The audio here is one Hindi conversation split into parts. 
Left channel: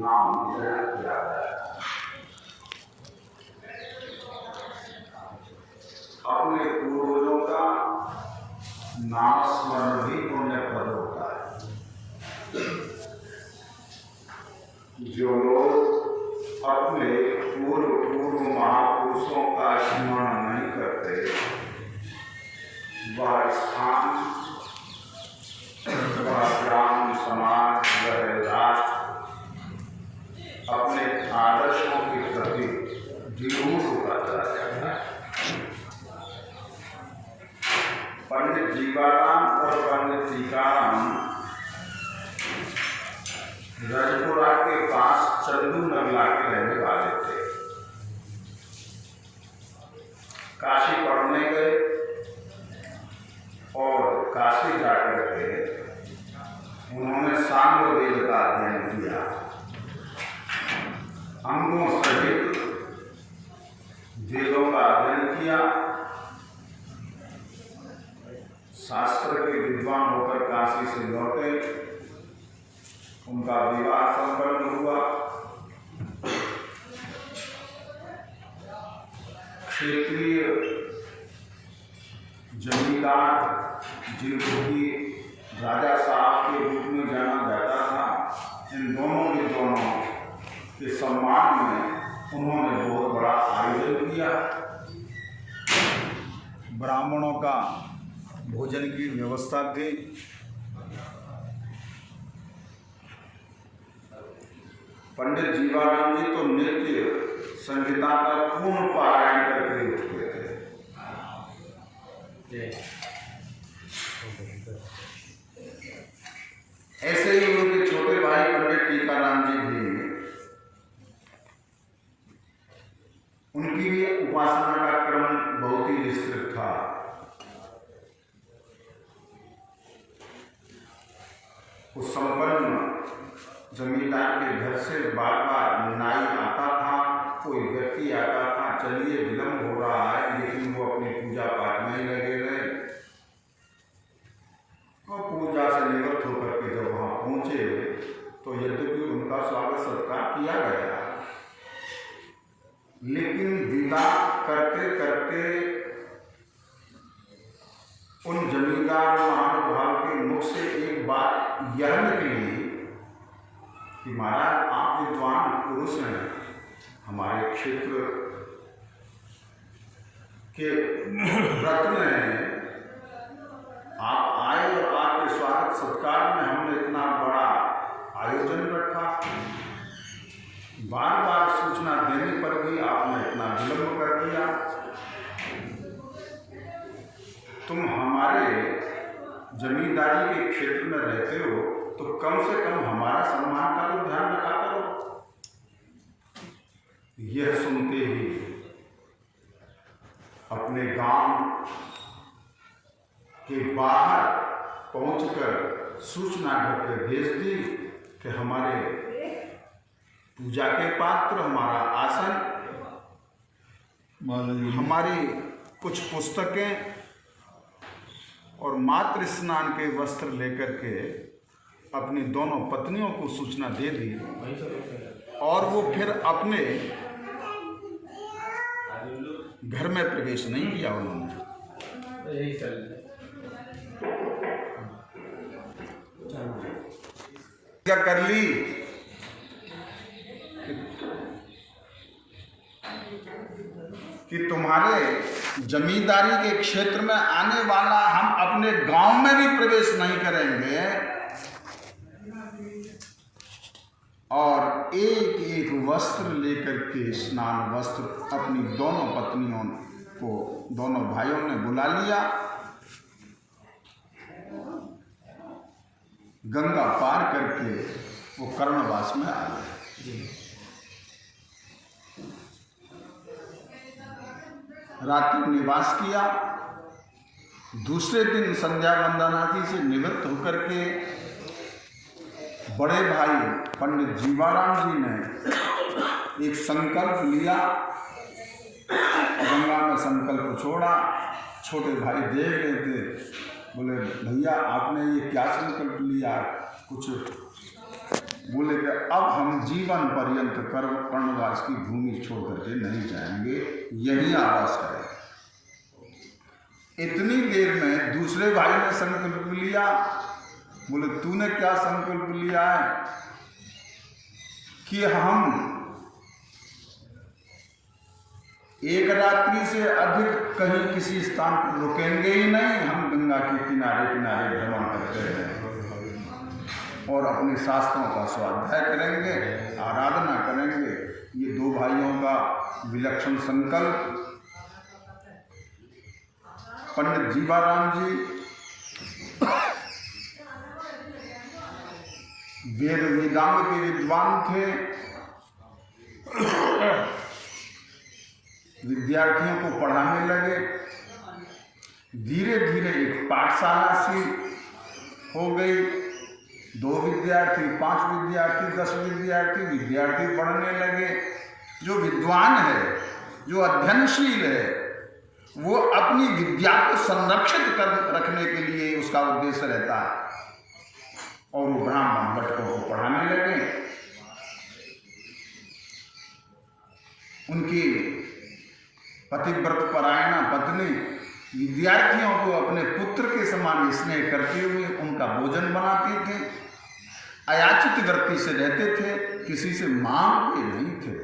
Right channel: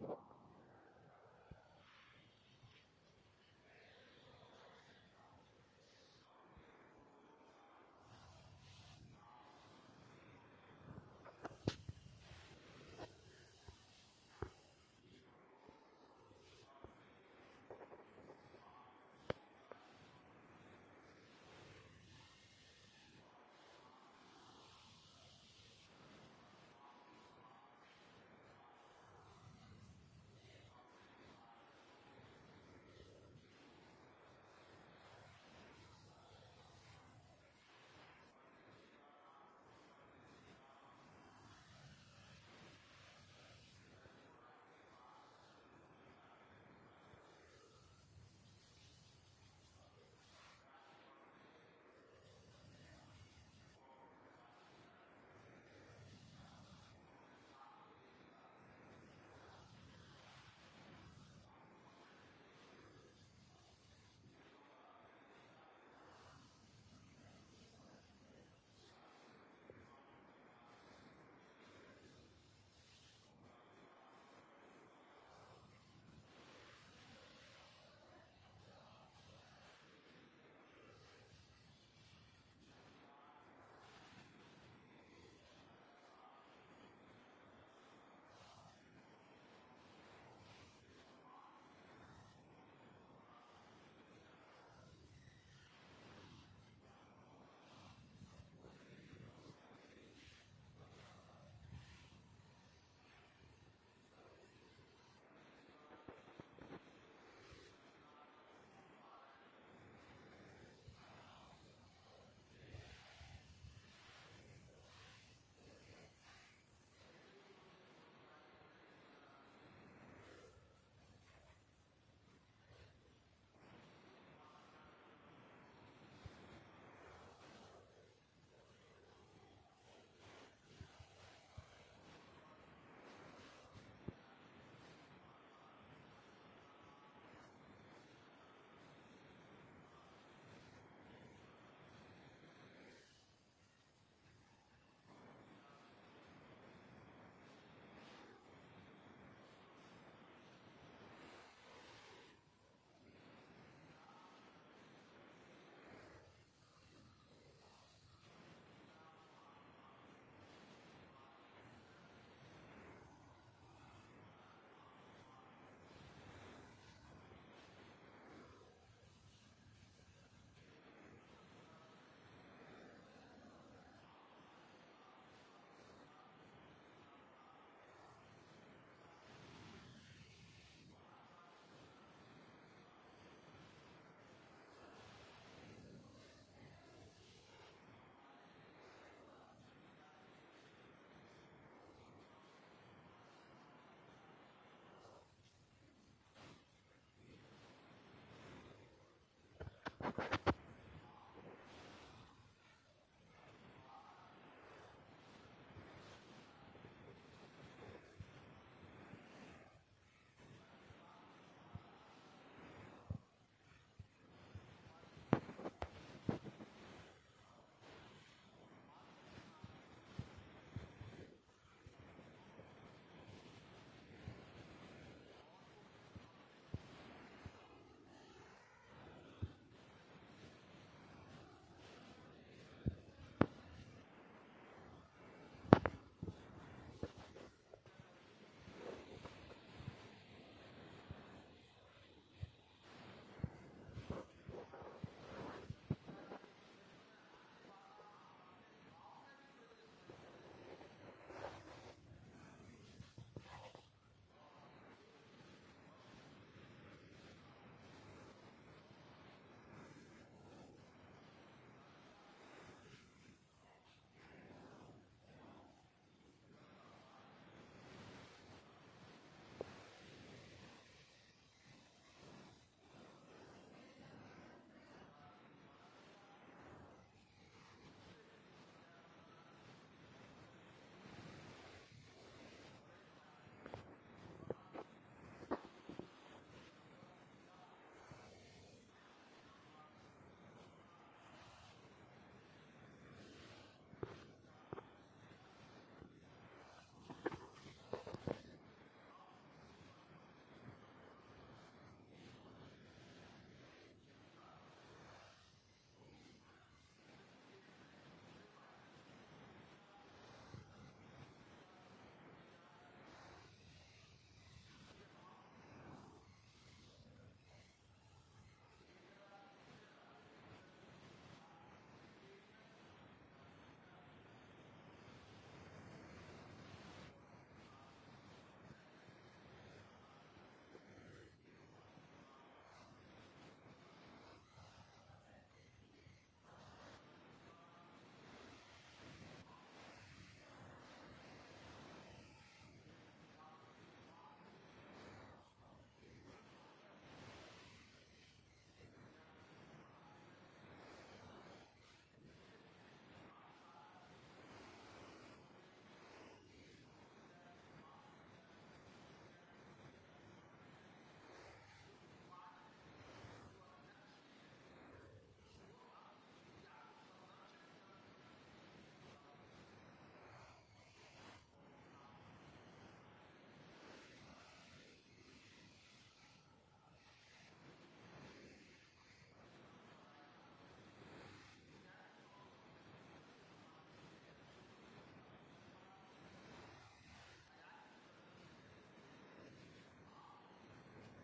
नाम ग्रहण किया गया। अपने पूर्वजों का नाम स्मरण भी पुण्यप्रद होता है। जो लोग अपने पूर्व महापुरुषों का स्मरण नहीं करते, वह स्थान, वह ग्राम, समाज, वह राष्ट्र अपने आदर्शों के प्रति विरूढ़ होता चला जाता है। पंडित जीवाराम और पंडित टीकाराम रजपुरा के पास चंदू नगला के रहने वाले थे। काशी पढ़ने गए और काशी जाकर के उन्होंने सांग वेद का अध्ययन किया। अंगों सहित वेदों का अध्ययन किया। शास्त्र के विद्वान होकर काशी से लौटे। उनका विवाह संपन्न हुआ। क्षेत्रीय जमींदार जिनको कि राजा साहब के रूप में जाना जाता था, इन दोनों के सम्मान में उन्होंने बहुत बड़ा आयोजन किया। ब्राह्मणों का भोजन की व्यवस्था थी। पंडित जीवाराम जी तो नित्य संगीता का पूर्ण पारायण करके उठते थे। ऐसे ही उनके छोटे भाई पंडित टीकाराम जी भी, उनकी भी उपासना का क्रम बहुत ही विस्तृत था। उस संपन्न जमींदार के घर से बार बार नाई आता था, कोई व्यक्ति आता था, चलिए विलम्ब हो रहा है, लेकिन वो अपनी पूजा पाठ में ही लगे रहे। और पूजा से निवृत्त होकर के जब वहाँ पहुँचे तो यद्यपि उनका स्वागत सत्कार किया गया, लेकिन विदा करते करते उन जमींदार महानुभाव के मुख से एक बात यह निकली कि महाराज, आप विद्वान पुरुष हैं, हमारे क्षेत्र के रत्न हैं, आप आए और आपके स्वागत सत्कार में हमने इतना बड़ा आयोजन रखा, बार बार सूचना देने पर भी आपने इतना विलंब कर दिया। तुम हमारे जमींदारी के क्षेत्र में रहते हो तो कम से कम हमारा सम्मान का तो ध्यान रखा करो। यह सुनते ही अपने गांव के बाहर पहुंचकर सूचना घर पे भेज दी कि हमारे पूजा के पात्र, हमारा आसन, हमारी कुछ पुस्तकें और मातृ स्नान के वस्त्र लेकर के अपनी दोनों पत्नियों को सूचना दे दी। और वो फिर अपने घर में प्रवेश नहीं किया। उन्होंने क्या कर ली कि तुम्हारे जमींदारी के क्षेत्र में आने वाला हम अपने गांव में भी प्रवेश नहीं करेंगे और एक एक वस्त्र लेकर के, स्नान वस्त्र, अपनी दोनों पत्नियों को, दोनों भाइयों ने बुला लिया। गंगा पार करके वो कर्णवास में आ गए। रात्रि निवास किया। दूसरे दिन संध्या वंदनादि से निवृत्त होकर के बड़े भाई पंडित जीवाराम जी ने एक संकल्प लिया, गंगा में संकल्प छोड़ा। छोटे भाई देख रहे थे, बोले भैया आपने ये क्या संकल्प लिया? कुछ बोले अब हम जीवन पर्यंत कर्णवास की भूमि छोड़ करके नहीं जाएंगे, यही आवास करेंगे। इतनी देर में दूसरे भाई ने संकल्प लिया। बोले तूने क्या संकल्प लिया है? कि हम एक रात्रि से अधिक कहीं किसी स्थान पर रुकेंगे ही नहीं, हम गंगा के किनारे किनारे भ्रमण करते रहेंगे और अपने शास्त्रों का स्वाध्याय करेंगे, आराधना करेंगे। ये दो भाइयों का विलक्षण संकल्प। पंडित जीवाराम जी वेद वेदांग के विद्वान थे। विद्यार्थियों को पढ़ाने लगे। धीरे धीरे एक पाठशाला सी हो गई। 2 विद्यार्थी, 5 विद्यार्थी, 10 विद्यार्थी पढ़ने लगे। जो विद्वान है, जो अध्ययनशील है, वो अपनी विद्या को संरक्षित कर रखने के लिए उसका उद्देश्य रहता है और वो ब्राह्मण भटकों को पढ़ाने लगे। उनकी पतिव्रत परायणा पत्नी विद्यार्थियों को अपने पुत्र के समान स्नेह करते हुए उनका भोजन बनाती थी। अयाचित वृत्ति से रहते थे, किसी से मांगते नहीं थे।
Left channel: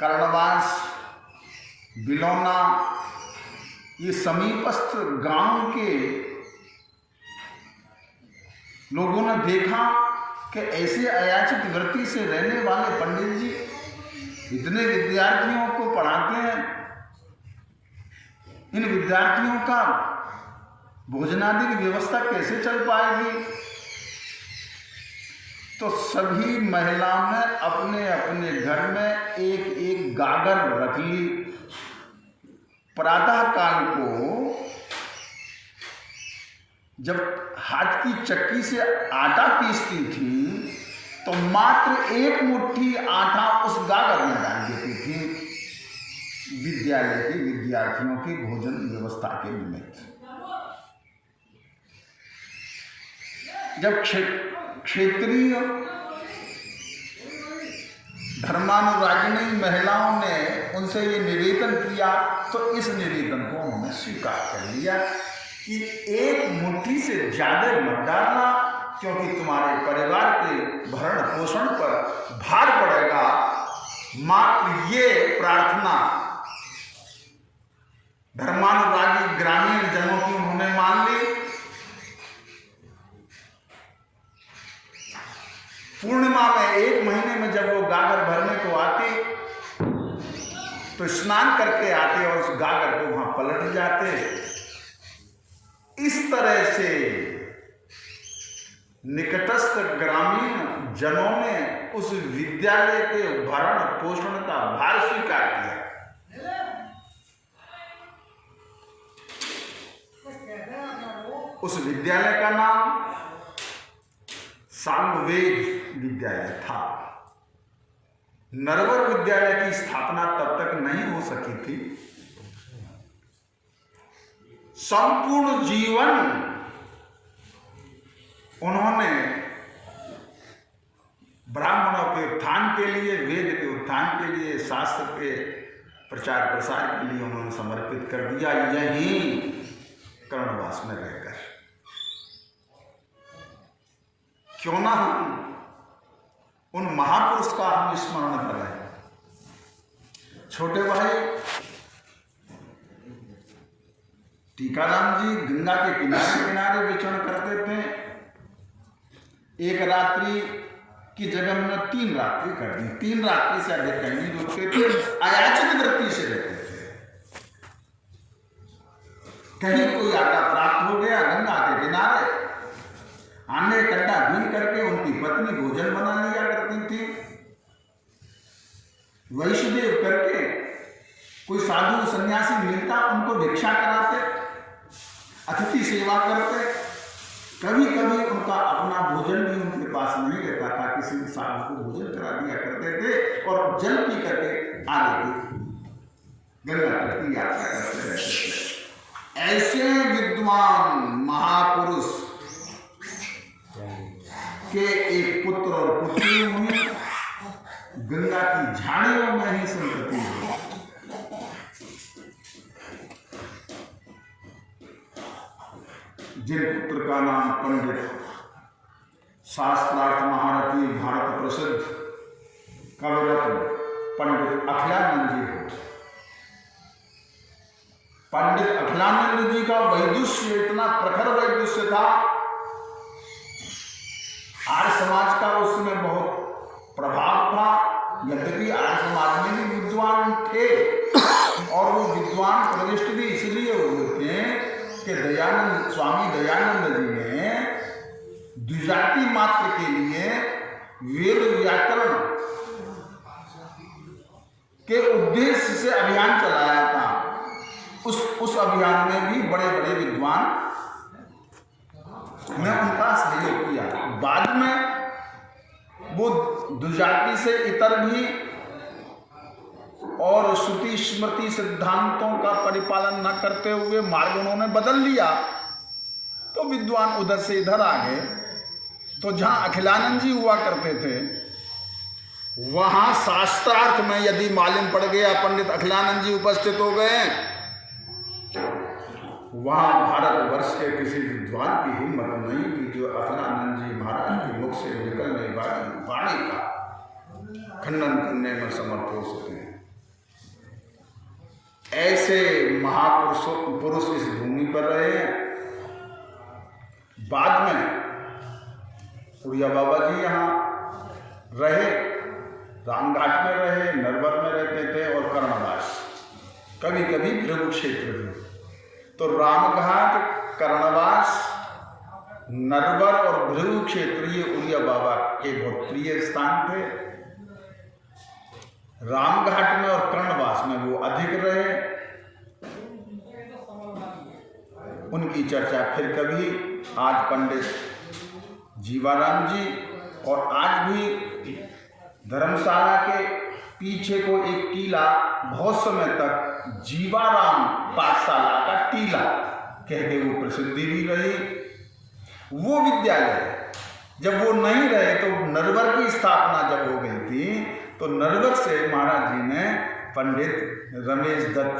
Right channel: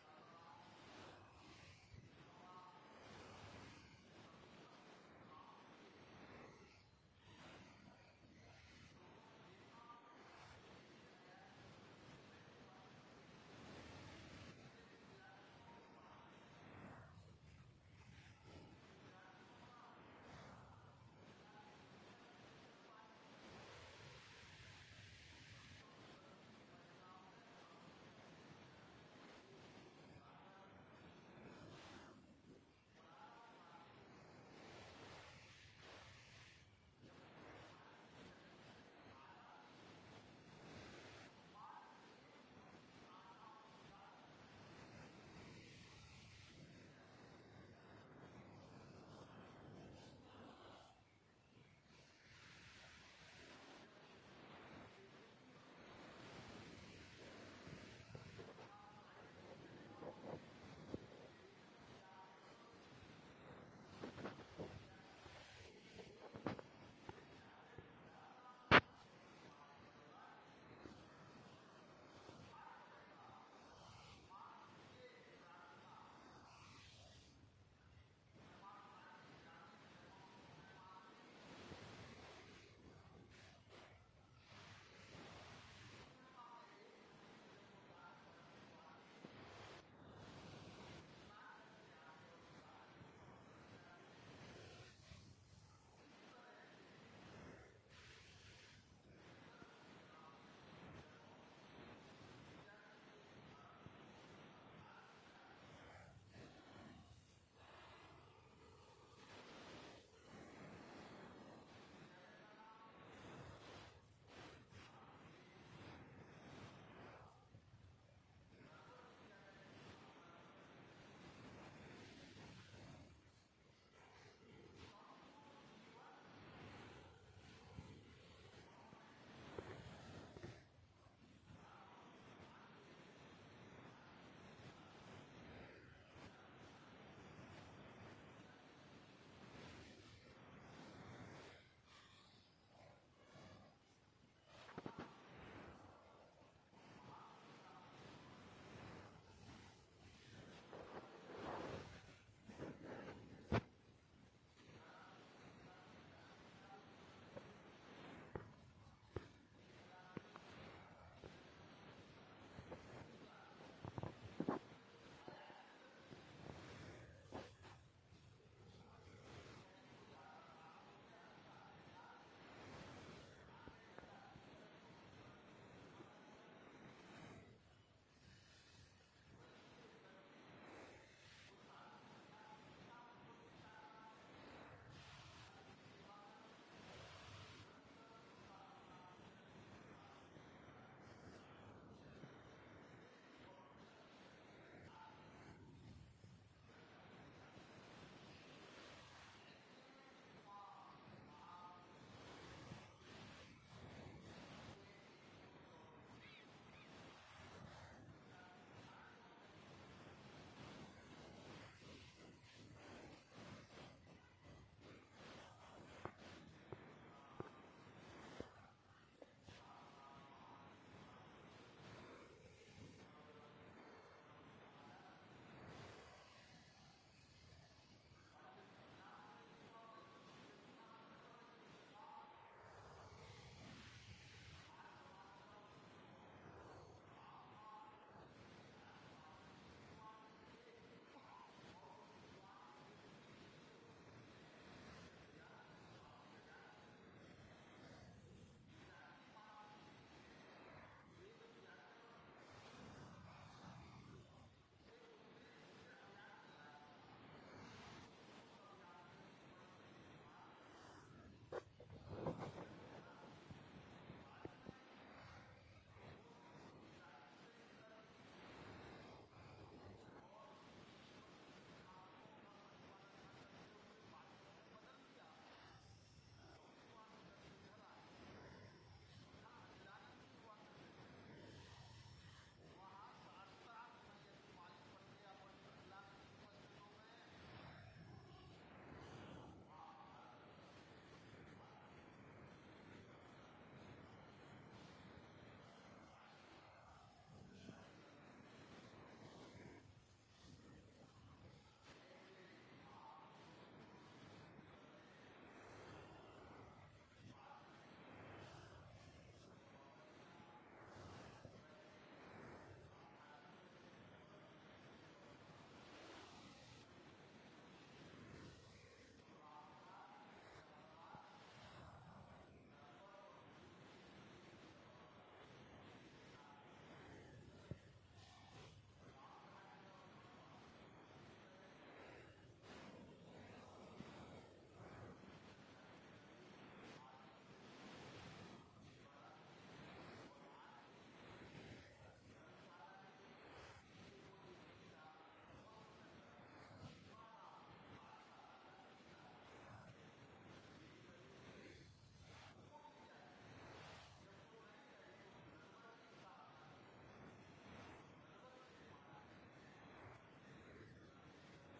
कर्णवास, बिलौना, ये समीपस्थ गांव के लोगों ने देखा कि ऐसे अयाचित वृत्ति से रहने वाले पंडित जी इतने विद्यार्थियों को पढ़ाते हैं, इन विद्यार्थियों का भोजनादि की व्यवस्था कैसे चल पाएगी? तो सभी महिलाओं ने अपने अपने घर में एक एक गागर रख ली। प्रातः काल को जब हाथ की चक्की से आटा पीसती थी तो मात्र 1 मुट्ठी आटा उस गागर में डाल देती थी, विद्यालय के विद्यार्थियों की भोजन व्यवस्था के निमित्त। जब क्षेत्रीय धर्मानुरागिणी महिलाओं ने उनसे ये निवेदन किया तो इस निवेदन को उन्होंने स्वीकार कर लिया कि 1 मुट्ठी से ज्यादा मत डालना, क्योंकि तुम्हारे परिवार के भरण पोषण पर भार पड़ेगा। मात्र ये प्रार्थना धर्मानुरागी ग्रामीण जनों की उन्होंने मान ली। पूर्णिमा में 1 महीने में जब वो गागर भरने को आती तो स्नान करके आते और उस गागर को वहां पलट जाते। इस तरह से निकटस्थ ग्रामीण जनों ने उस विद्यालय के भरण पोषण का भार स्वीकार किया। उस विद्यालय का नाम सामवेद विद्यालय था। नरवर विद्यालय की स्थापना तब तक नहीं हो सकी थी। संपूर्ण जीवन उन्होंने ब्राह्मणों के उत्थान के लिए, वेद के उत्थान के लिए, शास्त्र के प्रचार प्रसार के लिए उन्होंने समर्पित कर दिया, यहीं कर्णवास में रहकर। क्यों ना हम उन महापुरुष का हम स्मरण कर रहे हैं। छोटे भाई टीकाराम जी गंगा के किनारे किनारे विचरण करते थे। 1 रात्रि की जगह उन्होंने 3 रात्रि कर दी। 3 रात्रि से अधिक कहीं नहीं रुकते थे, अयाचित वृत्ति से रहते थे। कहीं कोई आटा प्राप्त हो गया गंगा के किनारे, आने कट्टा भीन करके उनकी पत्नी भोजन बना लिया करती थी। वैष्णदेव करके कोई साधु सन्यासी मिलता, उनको भिक्षा कराते, अतिथि सेवा करते। कभी कभी उनका अपना भोजन भी उनके पास नहीं रहता था, किसी साधु को भोजन करा दिया करते थे और जल पी करके आगे गंगा तट की यात्रा करते रहते थे। ऐसे विद्वान महापुरुष के एक पुत्र और पुत्री हुई, गंगा की झाड़ियों में ही संतति हुई। जिन पुत्र का नाम पंडित शास्त्रार्थ महारथी भारत प्रसिद्ध कविरत्न पंडित अखिलानंद जी हो। पंडित अखिलानंद जी का वैदुष्य इतना प्रखर वैदुष्य था, आर्य समाज का उसमें बहुत प्रभाव था। यद्यपि आर्य समाज में भी विद्वान थे और वो विद्वान प्रविष्ट भी इसलिए हुए थे कि स्वामी दयानंद जी ने द्विजाति मात्र के लिए वेद व्याकरण के उद्देश्य से अभियान चलाया था। उस अभियान में भी बड़े बड़े विद्वान ने उनका सहयोग किया। बाद में वो द्विजाति से इतर भी और श्रुति स्मृति सिद्धांतों का परिपालन न करते हुए मार्ग उन्होंने बदल लिया, तो विद्वान उधर से इधर आ गए। तो जहां अखिलानंद जी हुआ करते थे, वहां शास्त्रार्थ में यदि मालूम पड़ गया पंडित अखिलानंद जी उपस्थित हो गए, वहां भारतवर्ष के किसी विद्वान की हिम्मत नहीं कि जो अखिलानंद जी महाराज के मुख से निकलने वाली वाणी का खंडन करने में समर्थ हो सके। ऐसे महापुरुष इस भूमि पर रहे। बाद में उड़िया बाबा जी यहाँ रहे, रामघाट में रहे, नरवर में रहते थे और कर्णवास, कभी कभी भृगु क्षेत्र में। तो रामघाट, कर्णवास, नरवर और भृगु क्षेत्र ये उड़िया बाबा के बहुत प्रिय स्थान थे। रामघाट में और कर्णवास में वो अधिक रहे। उनकी चर्चा फिर कभी, आज पंडित जीवाराम जी और आज भी धर्मशाला के पीछे को एक टीला बहुत समय तक जीवाराम पाठशाला का टीला कह के वो प्रसिद्धि भी रही। वो विद्यालय जब वो नहीं रहे तो नरवर की स्थापना जब हो गई थी, तो नरवर से महाराज जी ने पंडित रमेश दत्त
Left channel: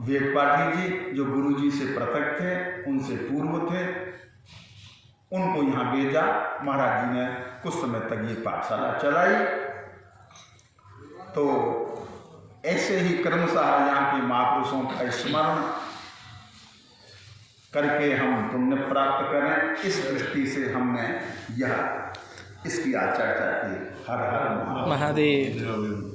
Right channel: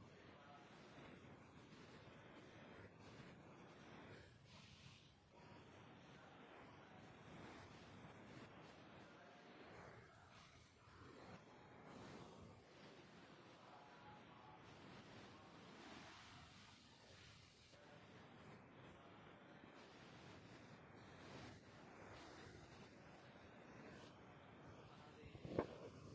वेदपाठी जी, जो गुरु जी से पृथक थे, उनसे पूर्व थे, उनको यहाँ भेजा। महाराज जी ने कुछ समय तक ये पाठशाला चलाई। तो ऐसे ही क्रमशः यहाँ के महापुरुषों का स्मरण करके हम पुण्य प्राप्त करें, इस दृष्टि से हमने यह इसकी आज चर्चा की। हर हर महादेव।